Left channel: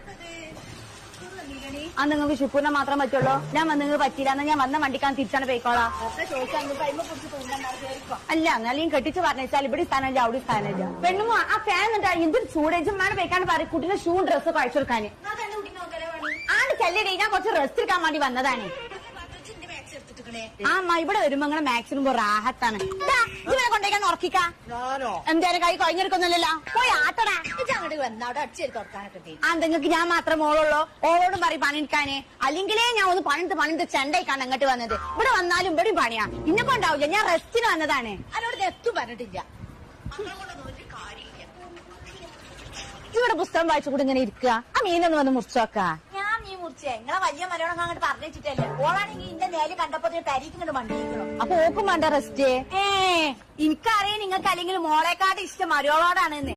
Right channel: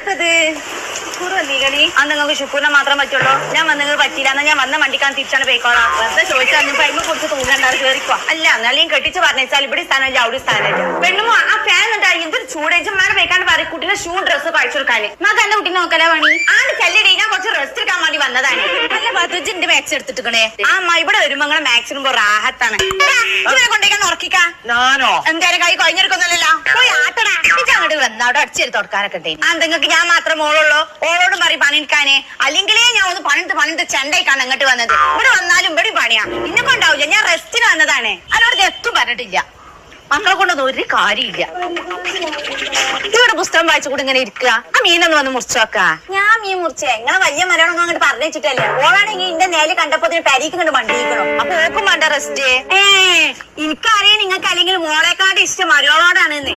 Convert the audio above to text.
ആർക്കത് നീകണി അത് നിങ്ങൾക്ക് ശുക്രനെ മാത്രം പറ്റുള്ളൂ. ഞാൻ വന്ന് പറ്റില്ല ഞാൻ വന്ന വണ്ടിക്കാൻ തിരിച്ചാണ് പോയിക്കോളാം. വെറുതെ ചോദിച്ചാൽ പൈമ കുറിച്ച് തൂങ്ങണ്ടാറ് കേറിക്കോ. അല്ല എന്നാലും കെട്ടിച്ച് പറഞ്ഞാൽ ഇവിടെ സ്ഥാനമില്ല അവിടെ സ്ഥാനമില്ല. പെണ്ണുമോ ആ ഫാൻ ഉണ്ടായി എന്തൊരു ചൂടേച്ചും മഴ വെക്കാണ്ട് പറയും കുട്ടിയുടെ ഷൂ ഡ്രസ്സ് കഴിച്ചു കൊടുക്കാൻ. നമുക്ക് എന്റെ കുട്ടീനെ നോക്കല പണി ആണ് ചെല്ലടി. ഞാൻ കുറച്ച് റെസ്റ്റ് എടുക്കാൻ വേണ്ടി വന്നതാണ്. നല്ല പത്തുജിന്റെ മാക്സ് എടുത്തിട്ടേ ആ അമ്മ ഇവിടെ വരുമ്പോ നിങ്ങളെ മാക്സിനുമ്പോ റാഹത്താണ്. കൊണ്ടേക്കാൻ ഉറക്കിക്കാ എന്തായാലും കൈ കഴിഞ്ഞെടുക്കൊന്നുമല്ലോ. പോയി ആട്ടടാ അങ്ങോട്ട് വന്ന അവിടെ അടിച്ചേരി തുടക്കാനൊക്കെ ഉണ്ട്. ആ നിങ്ങൾക്ക് ഞാൻ മാത്രം മോളുള്ളൂ. ഓളോടും പറയും പണിയെടുക്കാന്. അല്ലെങ്കിലേ ഞാൻ ഒന്ന് പണിട്ട് ചെണ്ടയ്ക്കാണ് ഇങ്ങോട്ട് വന്നത്. ഇവിടെ വന്നാലും ഇവിടെയും പണിയാ. ഇന്നെ കൊണ്ടാവില്ല. ഞാൻ റെസ്റ്റിന് വന്നതാണ്. അതിനോട് എത്തും പറഞ്ഞിട്ടില്ല. മക്കളെ കൊണ്ടൊന്നും ഒരു കാര്യമില്ല. ഇവിടെ പുസ്തകം വായിച്ചുകൂടി ഇങ്ങനെ ഇരിക്കുക. ആ മീനൊന്ന് വന്ന് മുറിച്ചോക്കാ. ഞാൻ മീൻ മുറിച്ചേ നിങ്ങളെ വലിയ മരമൊന്നും അങ്ങോട്ട് പറഞ്ഞു വെച്ചിട്ടല്ലേ. ഓളാണെങ്കിൽ എന്റെ നേരെ കണ്ടപ്പോ പെരീക്ക് കണ്ട് വണ്ടിയിരിക്കണോ. അപ്പൊ ഓക്കും വേണ്ട റെസ്റ്റ്. എനിക്കറിയാം നിങ്ങൾക്ക് അല്ലെങ്കിൽ മോളെക്കാട് ഇഷ്ടം മരോടാണെന്ന്.